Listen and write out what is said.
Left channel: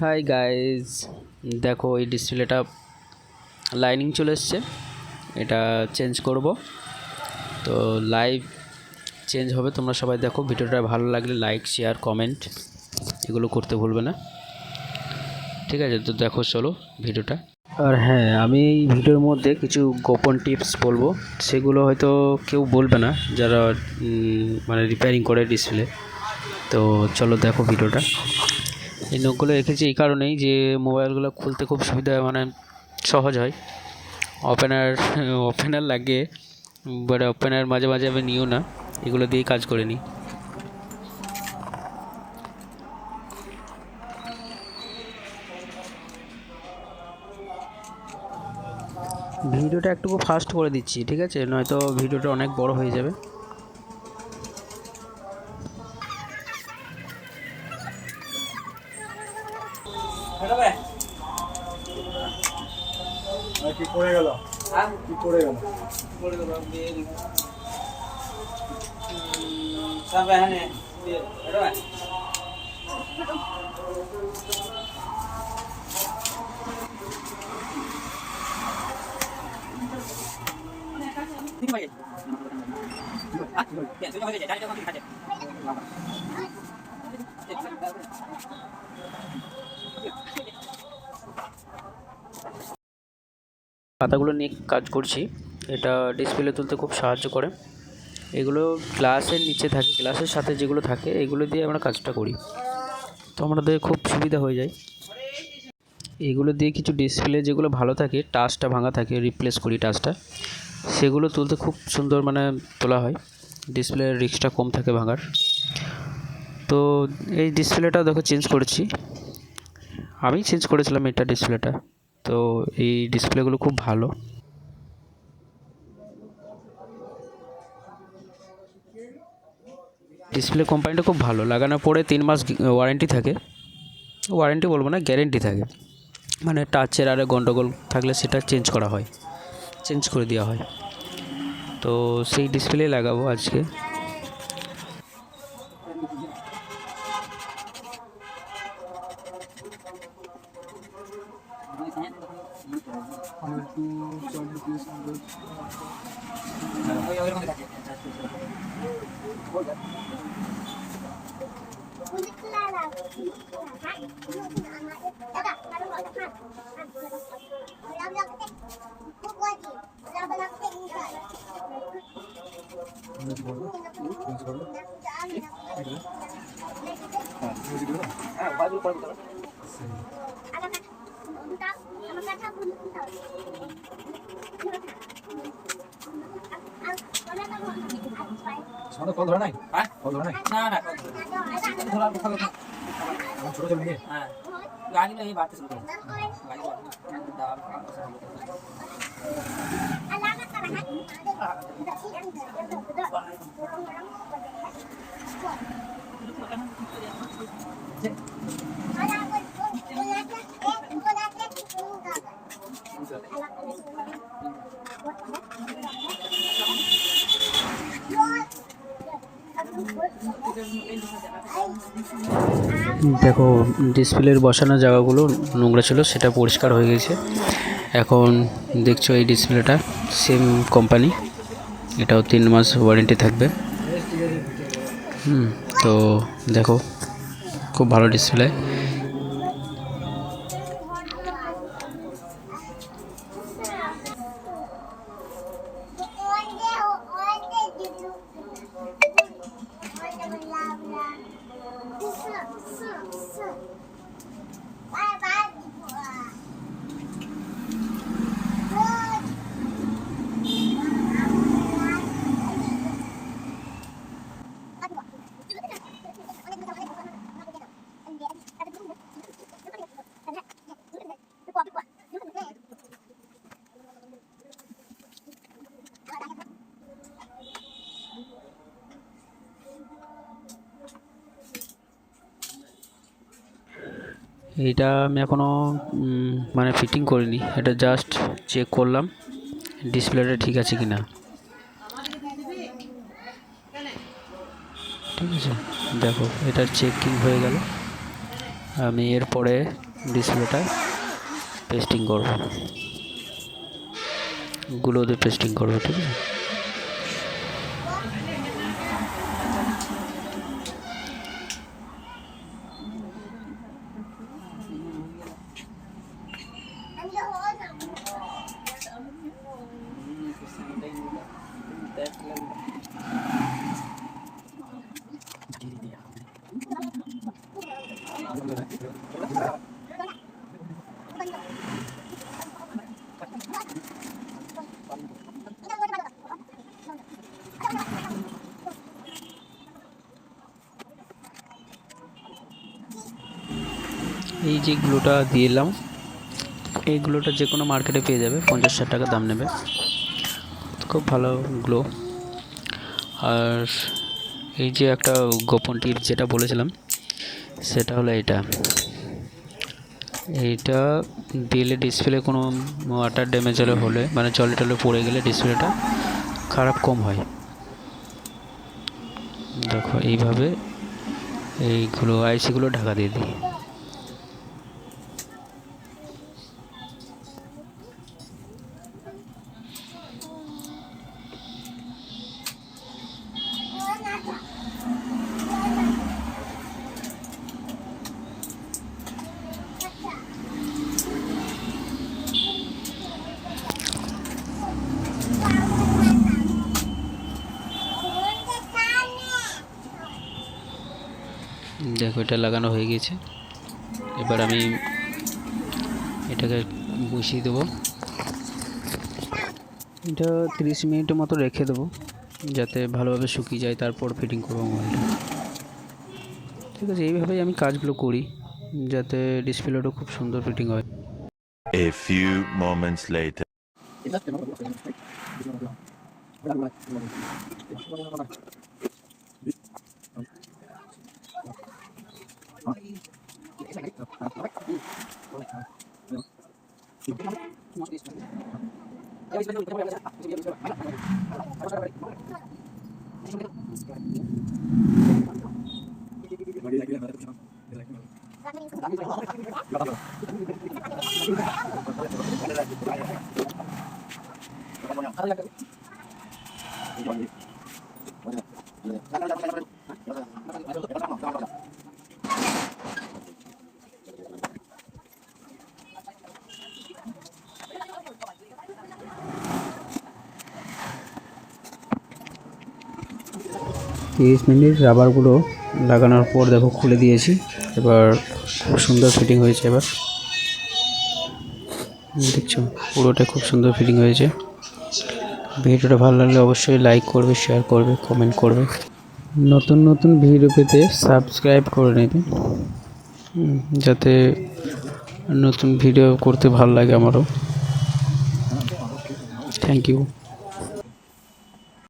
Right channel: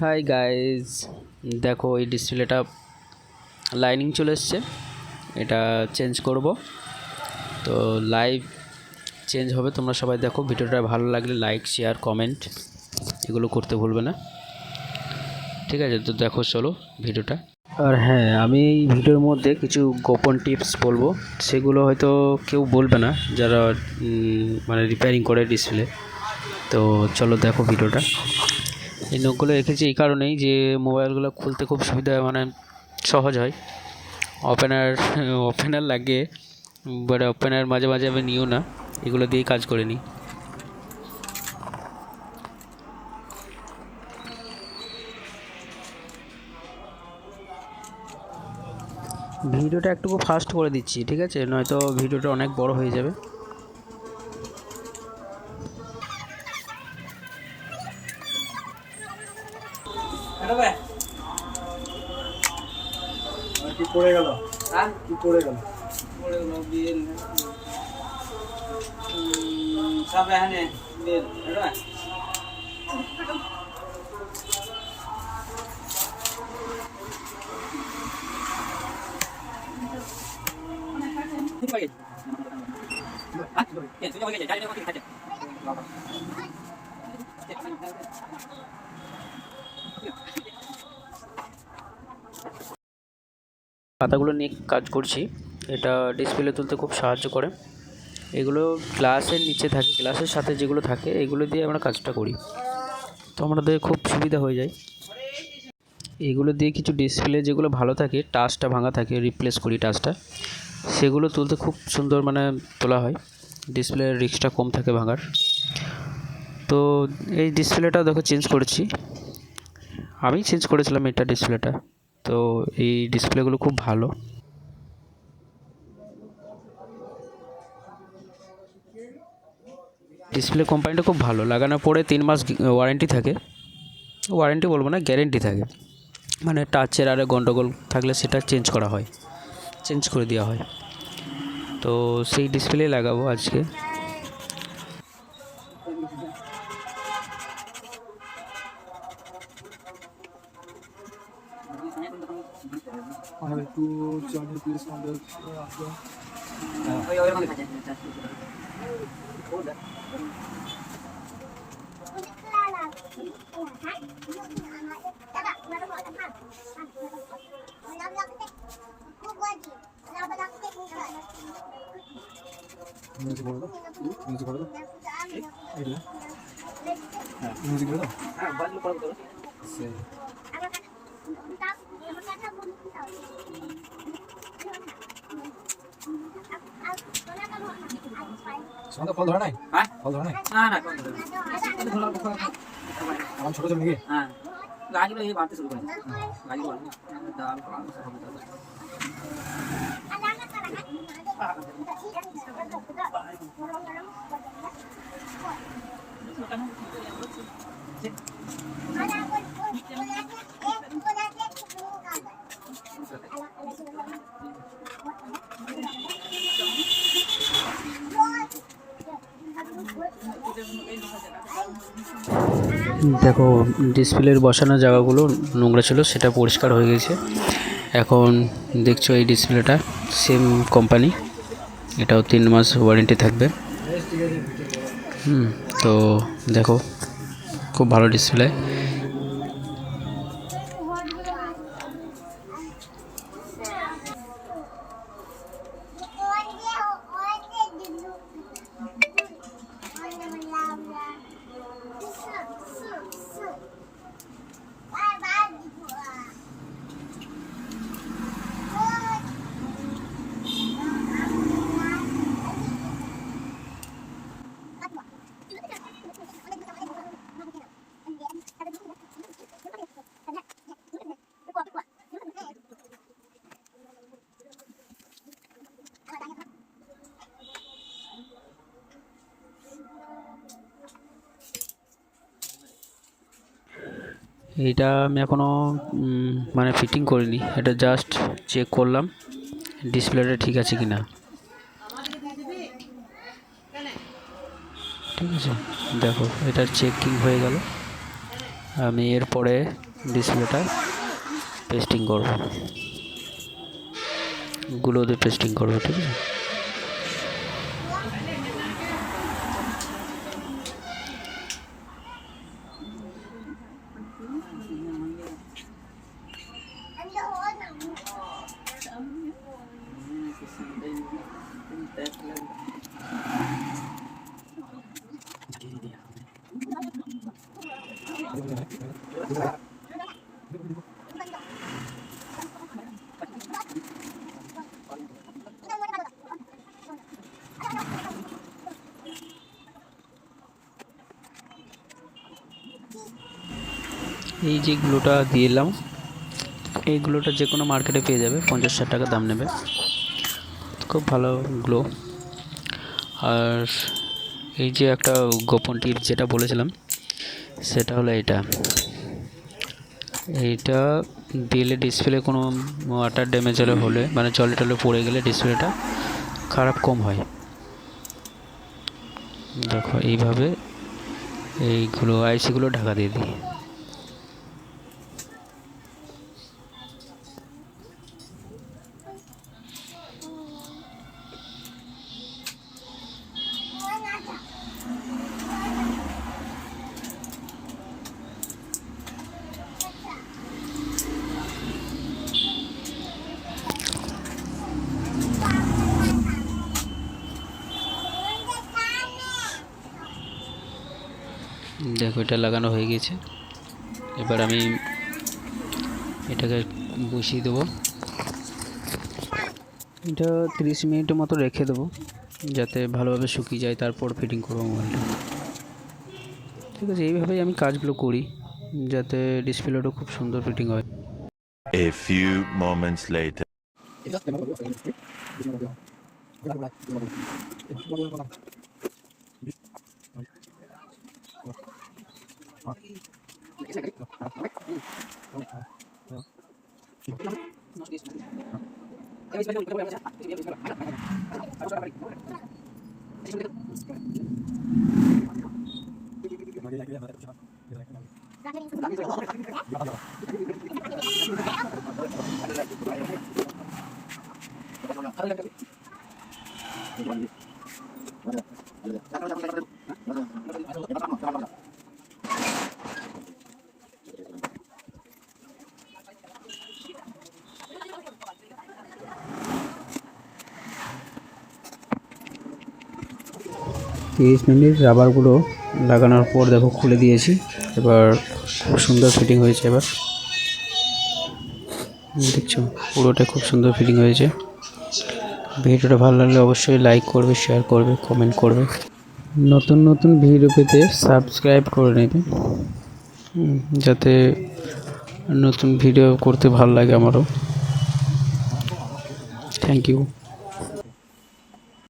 Hi guys, দেখো এই ডিসপ্লেটা লাইনিং চলে এসছে। এটা চেঞ্জ করব, তো লাইভ চেঞ্জ হবে। তোমরা সবাই দেখো, ভিডিওটা ভালো লাগলে লাইক শেয়ার কমেন্ট এগুলো করতে ভুলবে না, ঠিক আছে? তো দেখো চলো ভিডিওটা। আর হ্যাঁ, আমি এই ভিডিওর মধ্যে কিছু গোপন টিপস বলবো, সেগুলো হয়তো কেউ বলবে না যারা মানে রিপেয়ারিং করে ডিসপ্লে। তো চলো দেখো ভিডিওটা। এই নখগুলো রেখেছি এই কারণেই যে মোবাইলগুলো খুলতে খুব সুবিধা, মানে সহজ হয়। ওপেনার লাগে, বাট ওপেনার মাঝে মাঝে আমি নিও না, এগুলো দিয়েই কাজ করে নিই। ভিডিওটা একটু ফাস্ট করে দিচ্ছি, ঠিক আছে? নয়তো ভিডিওটা অনেক বড় হয়ে যাবে। কি পড়ে গেল? কি পড়ে গেল? সব এখানে বের এটা না। ঠিক আছে। আচ্ছা, তুই আমাকে যাই যাই আমাকে খাচ্ছে। পাতাগুলো নিয়ে কাজ করছি। এটা ডিসপ্লে তুলতে খুব সাহায্য করে। এগুলো গ্লাসের নিচে থাকে, গ্লাসের সাথে যেগুলো থাকে এগুলো দিয়ে আমরা কাজটা করি, তো আমাদের খুব সুবিধা হয়ে যায়। এগুলো দিয়ে কিছু ডিসপ্লে যেগুলো ভালো থাকে, টাচটা ভাঙা থাকে, রিপ্লেস করি টাচটা, সেগুলো তুলতে খুব সুন্দর মানে তোলা হয়। ডিসপ্লের রিস্কটা কম থাকে ভাঙার। তো এই ডিসপ্লেটা দেখো চেঞ্জ করেছি, আমি চেঞ্জ করেছিলাম এটা ডিসপ্লেটা। তো এই ডিসপ্লেগুলো খুব ভালো। ডিসপ্লে কোম্পানিটা খুব ভালো, লাগানোর পরে 3 মাস ওয়ারেন্টি থাকে। ওয়ারেন্টি বলবো না, গ্যারেন্টি থাকে। মানে টাচের আরে গন্ডগোল থাকলে সেটা চেঞ্জ করা হয়, চেঞ্জ করে দেওয়া হয়। তো সেই ডিসপ্লে লাগাবো আজকে। কল ধরে নাই? কল ধরে নাই? না না এখন ছোট ছিল নাকি? হ্যাঁ গাড়িগুলো এই বাড়তে শুরু করে গাড়িগুলো দাম দেখো ডিসপ্লের বসানো জায়গাগুলো নোংরা ছিল, সেটা পরিষ্কার হয়ে গেছে। এখন দেখছো এই ডিসপ্লেটা সেম কোম্পানি, এটাও 3 মাস ওয়ারেন্টি থাকবে। তো দেখো খুব ভালো ডিসপ্লে। এইটা আমি এখনও মানে ফিটিং করিনি, এটা জাস্ট চেক করলাম ডিসপ্লেটা ঠিক আছে কি না। ঠিক আছে, দেখো এটার চেকিং হয়ে গেল। আমি এরপরে ডিসপ্লেটা পেস্টিং করব, গুলো দিয়ে পেস্টিং করব, ঠিক আছে। এই যে গ্লুটা দিয়ে এলাম, এই গ্লুটা যে কোনো মার্কেটে পেয়ে যাবে, 50-60 টাকা দাম নেবে, খুব ভালো গ্লো। আর এই যে একটা গোপন টিপ যেটা বলেছিলাম সেটা হলো এইটা দিলে ডিসপ্লে কোনো ওয়াটার ড্যামেজ হলে মানে জলে টলে পড়ে গেলে ডিসপ্লেটা খারাপ কম হয়। দেখো এইভাবে এইগুলো আইসিগুলো ঢাকা দিয়ে দিই। দেখো এটা লাগানো হয়ে গেছে, এবার আমি এটাকে বসিয়ে দেবো। এটা 30 মিনিটের মতো রেখে দেবো যাতে ভালোভাবে শুকিয়ে যায়, তারপর ফিটিং করবো মোবাইলটা, ঠিক আছে। এইভাবেই আমি কাজগুলো করি যাতে ডিসপ্লেটা খুব সুন্দর ফিটিং হয়। A few moments later. তিরিশ মিনিট রাবারগুলো লাগানোর পর দেখো খুলে দিয়েছি, এবার খুব সুন্দর ফিটিং হয়েছে। এবার দেখছো পুরোটা খুব সুন্দর ফিটিং হয়েছে। ভিডিওটা ভালো লাগলে অবশ্যই লাইক করবে, শেয়ার করবে, কমেন্ট করবে। নতুন নতুন ভিডিও পেতে সাবস্ক্রাইব করে নেবে, যাতে নতুন ভিডিও করতে ভালো লাগে আমারও। Thank you.